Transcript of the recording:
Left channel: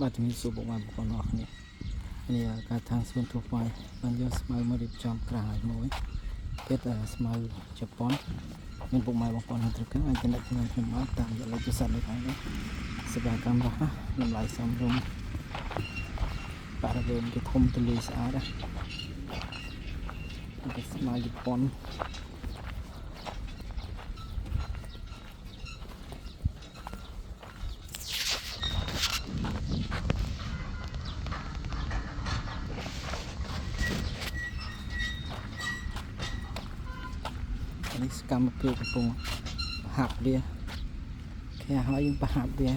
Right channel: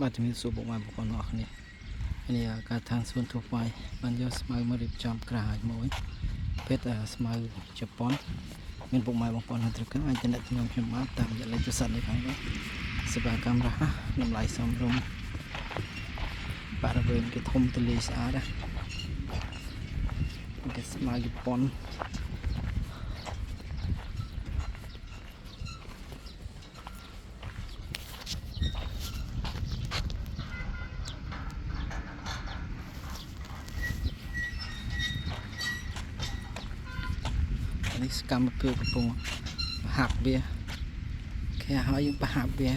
បាទជំរាបសួរបងប្អូនបងប្អូនអរគ្នានេះការທາງសួនทั่វไปបានយកស្មៅមករៀបចំក្រាយមួយភេទស្មៅជប៉ុនមានពុកម៉ែបងប្អូននៅត្រឹកអាចចំណេះខ្ញុំបានតាមរយៈលេខទូរស័ព្ទនៅខាងនេះសេវាកម្មរហ័សតម្លៃសមរម្យបរិវេណគេធំទូលាយស្អាតណាគេស្មៅជប៉ុននេះសកម្មភាពកំពុងហាប់វាគេឲ្យយើងប្រហាប់វា